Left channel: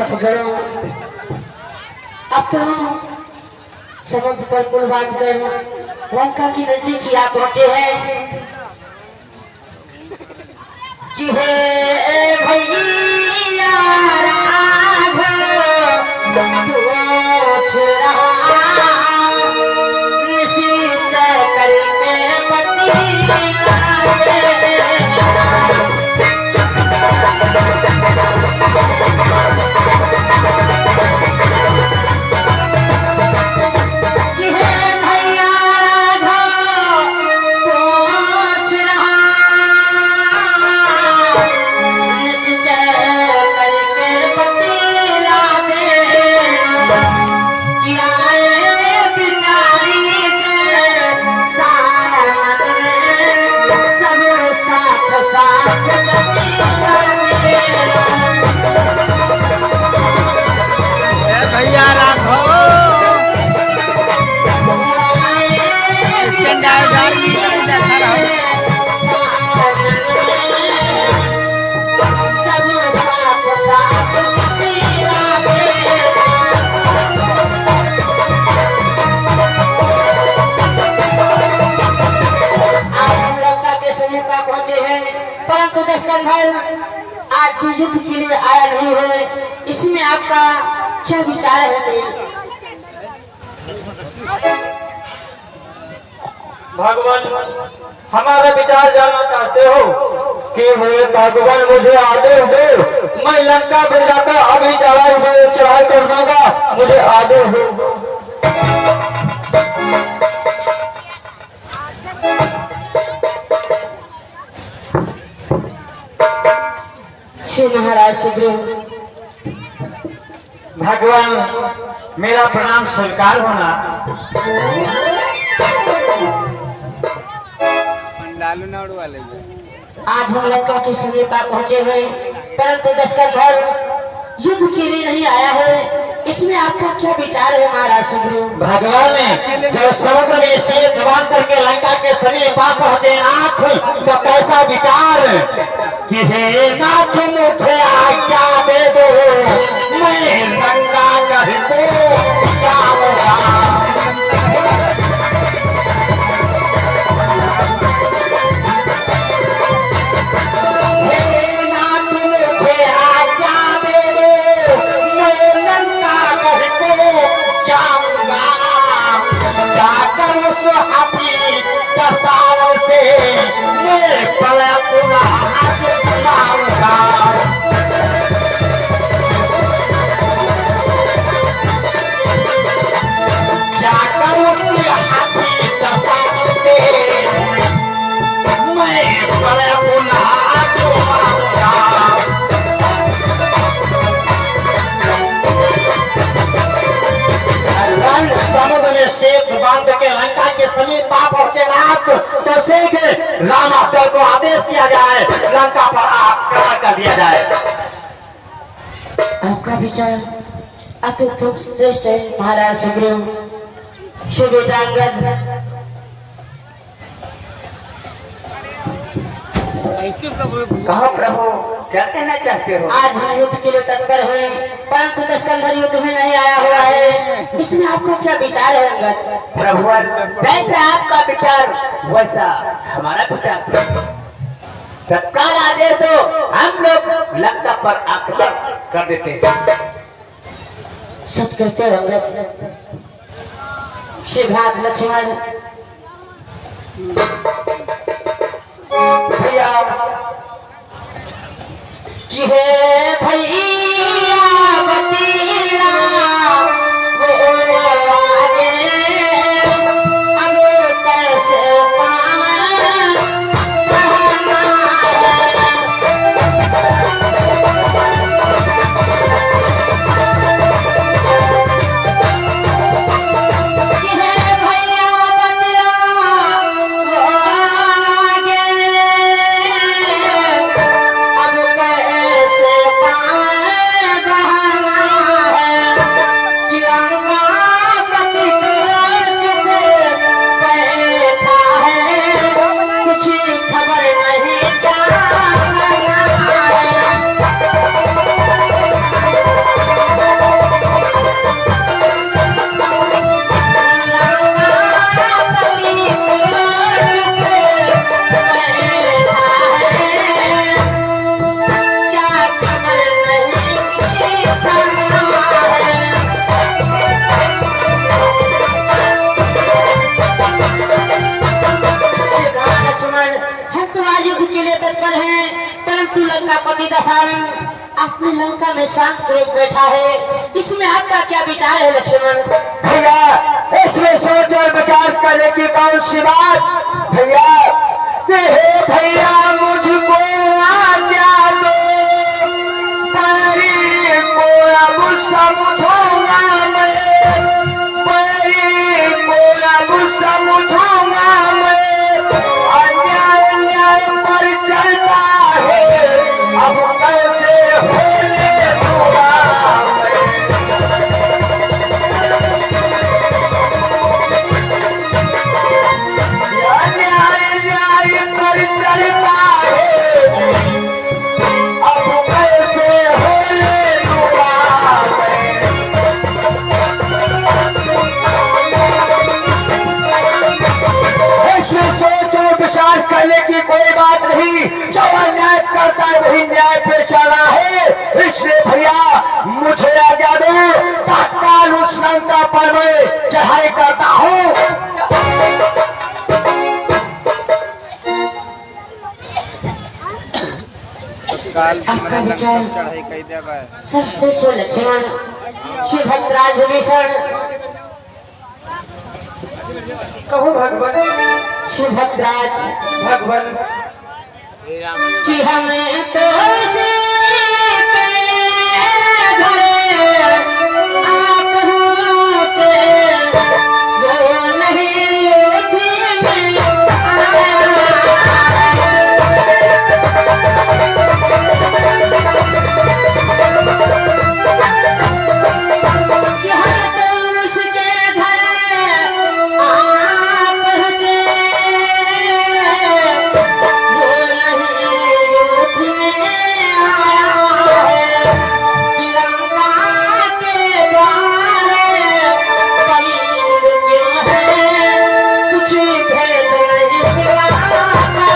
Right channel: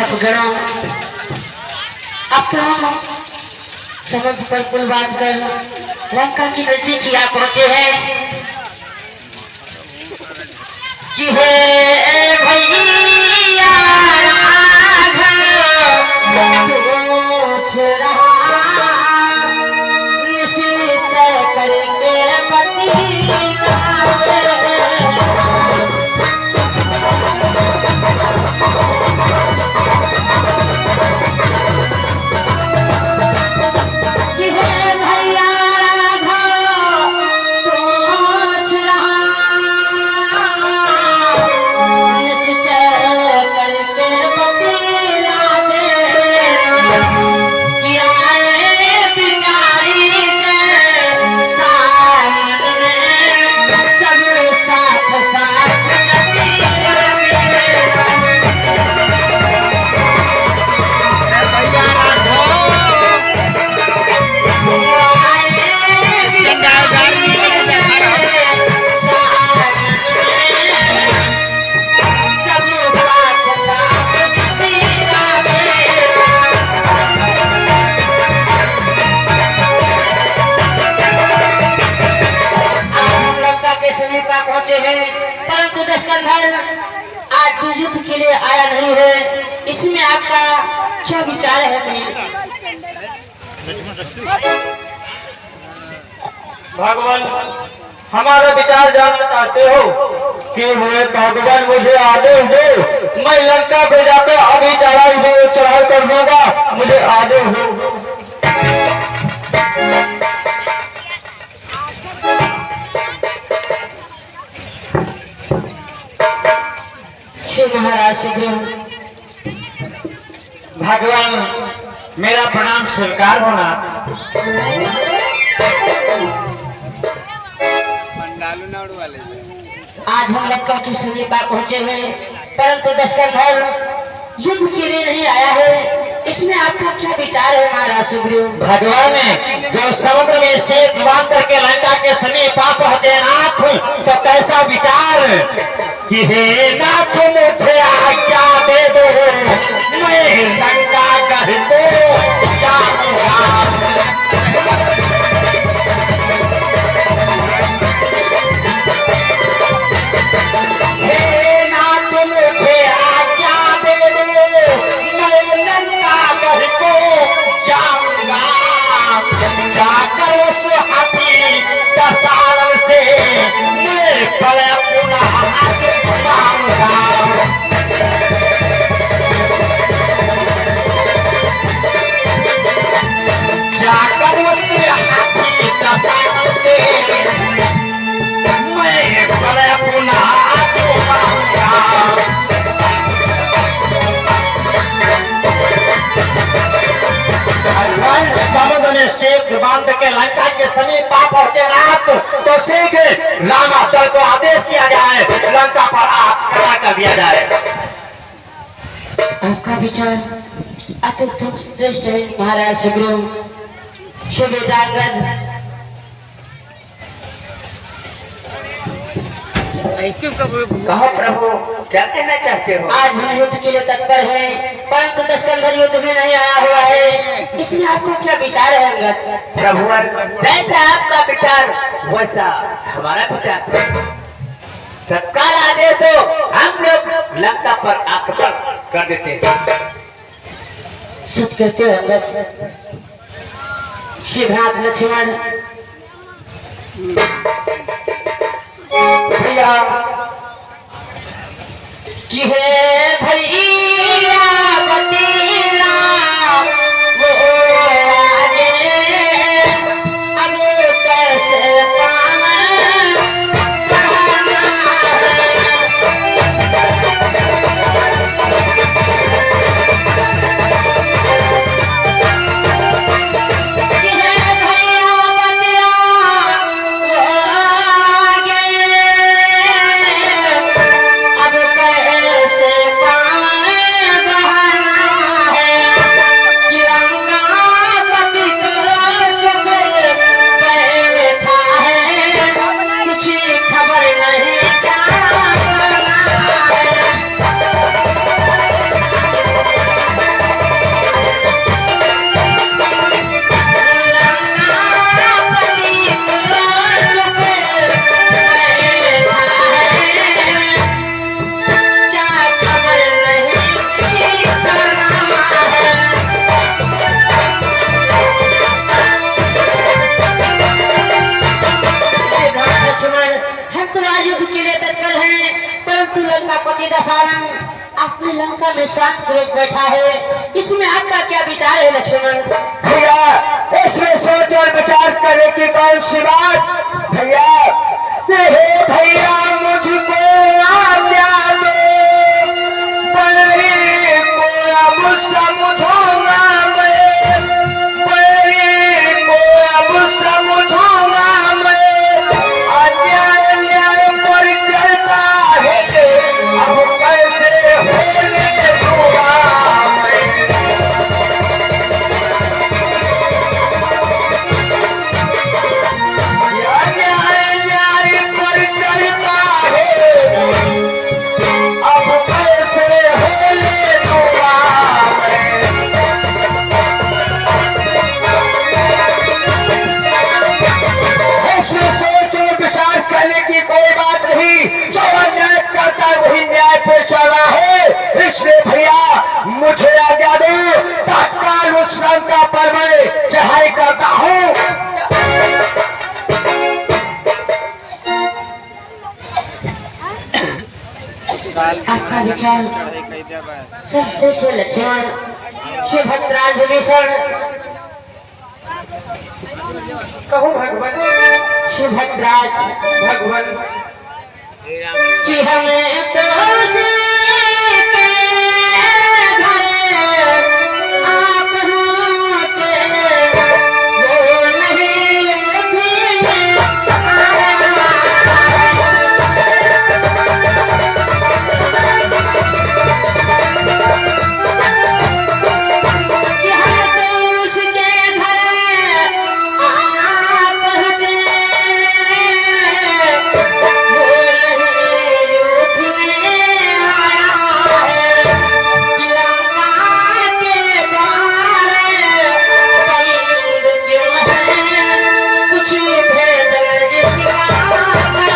थक गणों, अब तो हम समुद्र पर पुल बांध कर लंका की नजदीक आ पहुंचे हैं। कि हे भैया राघव पूछ रहा निश्चय करके पति पहुंचे हैं, परंतु दशकंधर आज भी युद्ध के लिए आया नहीं है। इसमें आपका क्या विचार है? भगवान, हमारा विचार जानना चाहते हो कि वे भगवान मुझे आदेश दो, मैं लंका पे जाकर अभी चढ़ाई कर दूंगा, मुझे आदेश दो। महाराज सुग्रीव, भगवान मेरा प्रणाम स्वीकार होना। आज हम लंका के समीप पहुंचे हैं, परंतु दशकंधर युद्ध के लिए नहीं आया है। इसमें आपका क्या विचार है महाराज सुग्रीव? भगवान ने जो समुद्र में शेष बांध करके लंका के समीप पहुंचे नाथ, तो कैसा विचार कि हे नाथ मुझे आज्ञा दे दो, मैं लंका कहीं को जाऊंगा। हे नाथ मुझे आज्ञा दे दो, मैं लंका कहीं को जाऊंगा। जाकर उस हाथी दस्तार से मैं पले पुनः जाकर उस हाथी दस्तार से मैं पले पुनः समुद्र में शेख बांध के लंका के समीप पहुंचे नाथ, तो शेख रामा दल को आदेश किया जाए, लंका पर आक्रमण कर दिया जाए। आपका विचार अत्यंत श्रेष्ठ है महाराज सुग्रीव। सुविधांगद कहो प्रभु, क्या कहना चाहते हो? आज हम युद्ध के लिए तत्पर हैं, परंतु दशकंधर युद्ध में नहीं आया हुआ है। इसमें आपका क्या विचार है अंगद? प्रभु, जैसा आपका विचार वैसा हमारा विचार। तत्काल आदेश दो, हम लोग लंका पर आक्रमण कर देते हैं। सत्कृत्य अंगद। शिवराज लक्ष्मण भैया कि हे भैया बतीला वो आगे अब कैसे पति दशरथ अपनी लंका में शांत पूर्वक बैठा है, इसमें आपका क्या विचार है लक्ष्मण? भैया इसमें सोच और विचार करने की कौन सी बात भैया, हे भैया मुझको आज्ञा दो, परी को अब समझूंगा मैं, परी को अब समझूंगा मैं, अन्याय न्याय पर चलता है, अब कैसे होले दूंगा मैं। अन्याय न्याय पर चलता है, अब कैसे होले दूंगा मैं। इसमें सोच और विचार करने की कोई बात नहीं, जो अन्याय करता है वही न्याय पे चला है, इसलिए भैया मुझे आज्ञा दो, तत्काल उस लंका पर मैं चढ़ाई करता हूँ। आपका विचार सबसे जो लक्ष्मण सुभद्रा विभीषण कहूँ भगवान सुभद्रा भगवान कि हमें तो सीते घर आप पहुँचे, वो नहीं थी में आया। कि हम तो उसके घर आ पहुँचे, वो नहीं युद्ध में आया है। लंका के द्वार बंद क्यों है, कुछ भेद इसका आया है।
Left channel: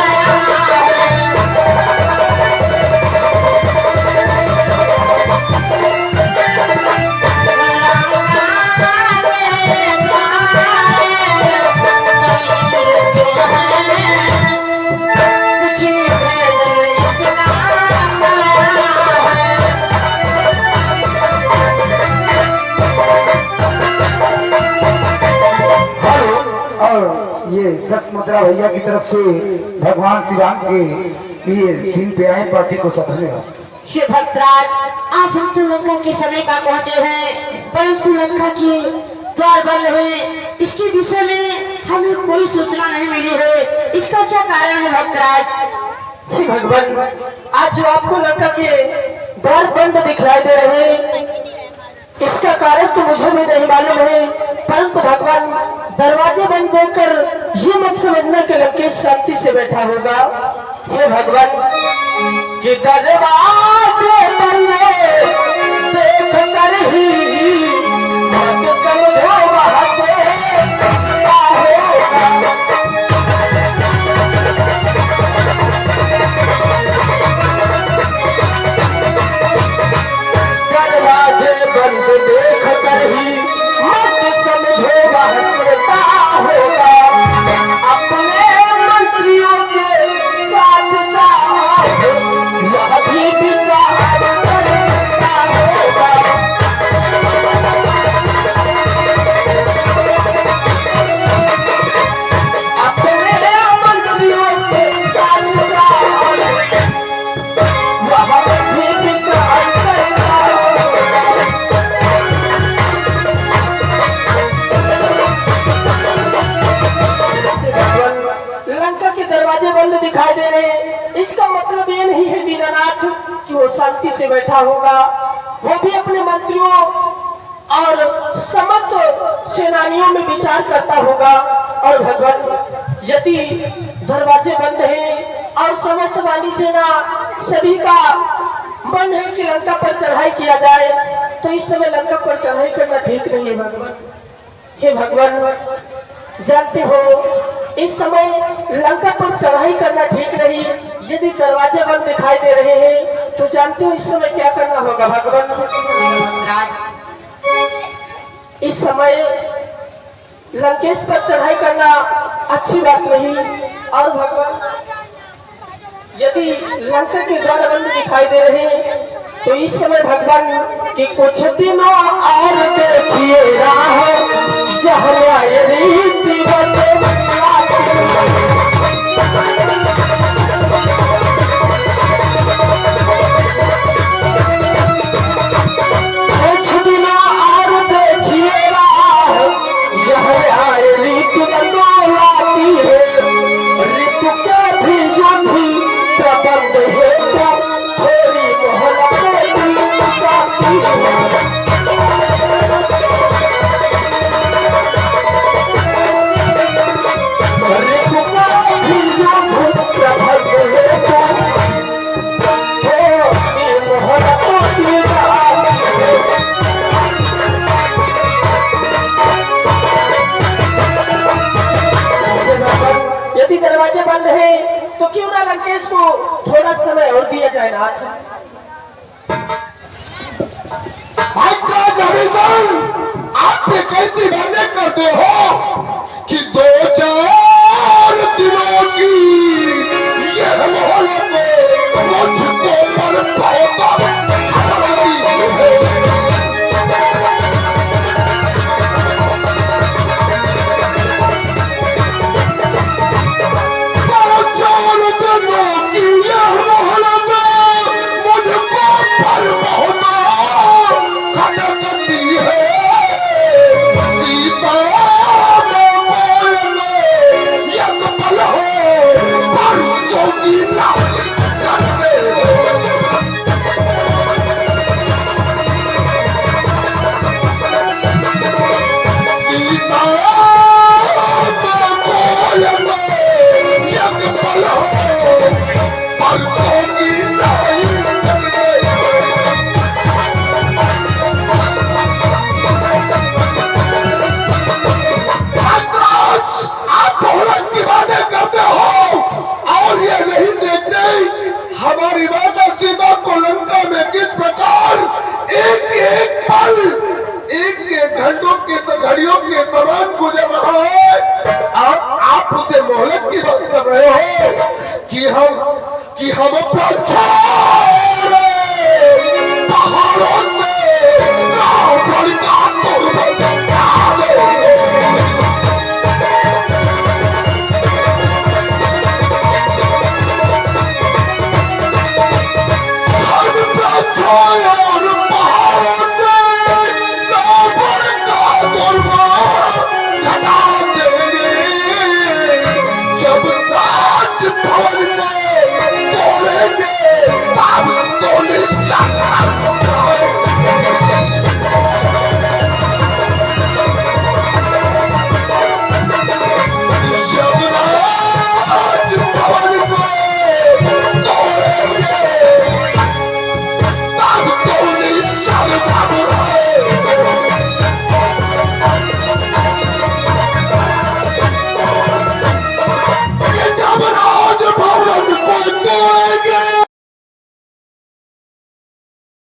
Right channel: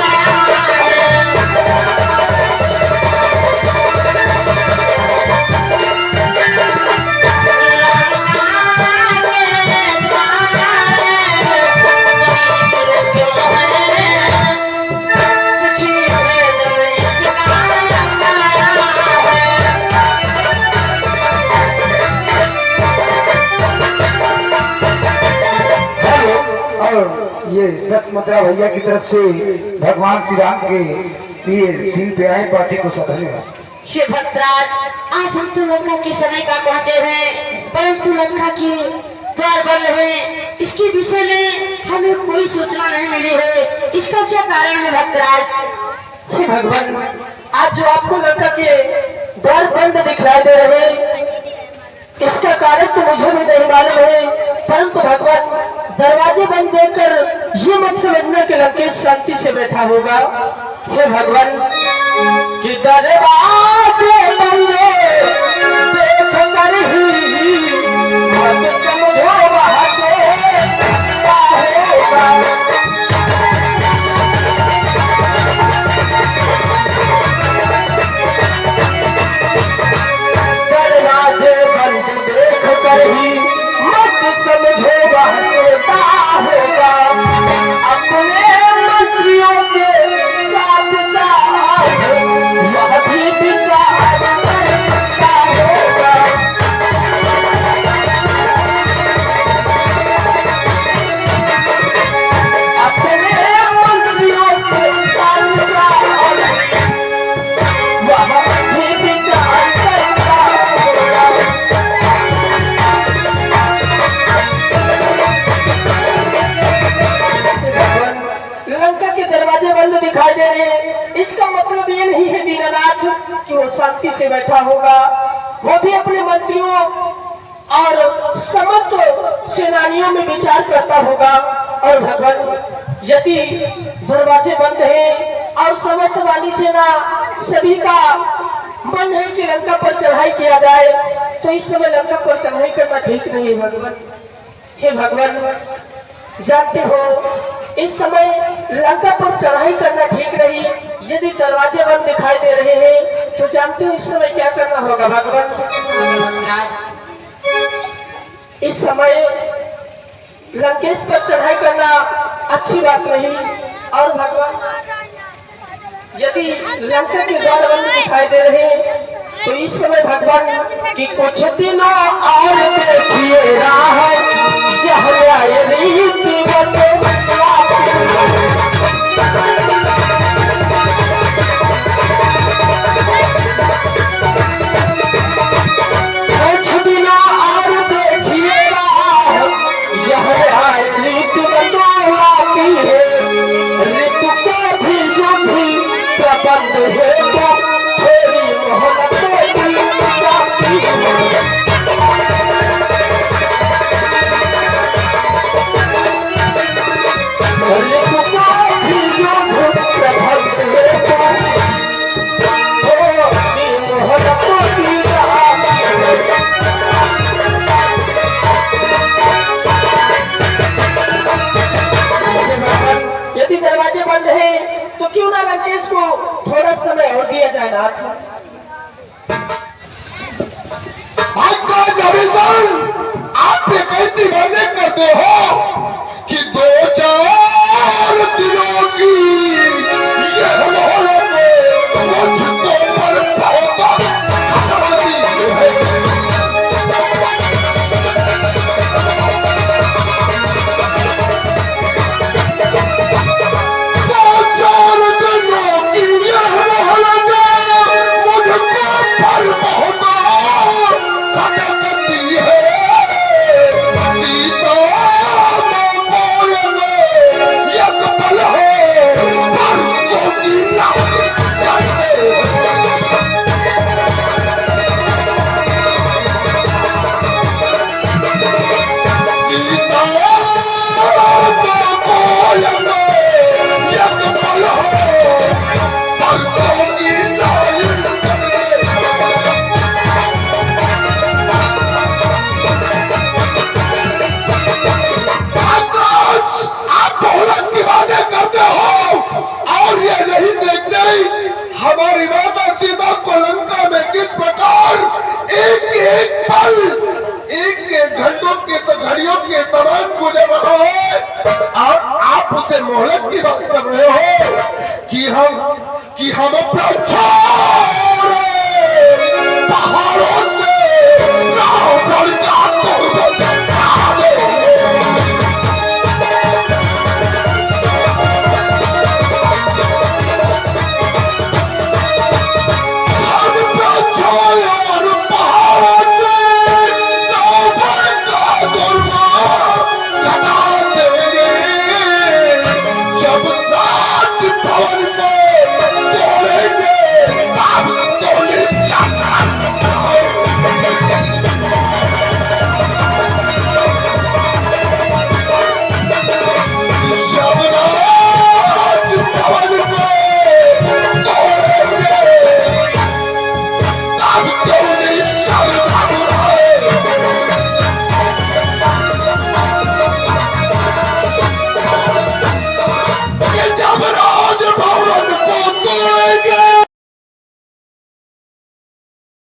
हेलो, और ये 10 मुद्रा भैया की तरफ से भगवान श्री राम के लिए सीन पे आए पार्टी को सधनेगा। सुभद्रा आज हम तो लंका के समय का पहुंचे हैं, परंतु लंका के द्वार बंद है, इसके विषय में हमें कोई सूचना नहीं मिली है, इसका क्या कारण है भक्तराज? हे भगवान, आज जो आपको लंका के द्वार बंद दिखलाई दे रहे हैं, इसका कारण तो मुझे भी नहीं मालूम है, परंतु भगवान दरवाजे बंद देखकर ये मत समझना कि लंकेश शांति से बैठा होगा। हे भगवान कि दरवाजे बंद देख कर ही मत समझो वहाँ से क्या होगा। दरवाजे बंद देख कर ही मत समझो वह सोता होगा, अपने मंत्रियों के साथ साथ यह भी विचार करता होगा। अपने मंत्रियों के साथ साथ यह भी विचार करता होगा। लंका के दरवाजे बंद दिखाई दे रहे हैं, इसका मतलब ये नहीं है दीनानाथ कि वो शांति से बैठा होगा, वो भी अपने मंत्रियों और समस्त सेनानियों में विचार करता होगा। और भगवान यदि दरवाजे बंद हैं और समस्त वाली सेना सभी का मन है कि लंका पर चढ़ाई किया जाए, तो इस समय लंका पर चढ़ाई करना ठीक नहीं है भगवान। हे भगवान, जानते हो इस समय लंका पर चढ़ाई करना ठीक नहीं, यदि दरवाजे बंद दिखाई दे रहे हैं तो जानते हो इस समय क्या करना होगा भगवान? इस समय लंकेश पर चढ़ाई करना अच्छी बात नहीं। और भगवान यदि लंका के द्वार बंद दिखाई दे रहे हैं तो इस समय भगवान की कुछ दिनों और देखिए राह यह आए रीति कुछ दिनों और देखिए राह यह आए रीति बदलाती है ऋतु के भी युद्धि प्रबंध है तो थोड़ी मोहब्बत की जाती है ऋतु का भी युद्ध प्रबंध है तो थोड़ी मोहब्बत की जाती है यदि दरवाजे बंद हैं तो क्यों ना लंकेश को थोड़ा समय और दिया जाए नाथ। आप ये कैसी बातें करते हो कि 2-4 दिनों की यह मोहलत मुझको पर बहुत खतरनाक है। हमारी माता सीता को लंका में किस प्रकार एक एक पल एक घंटों के घड़ियों के समान गुजर रहा है और आप उसे मोहलत की बात कर रहे हो कि हम अपना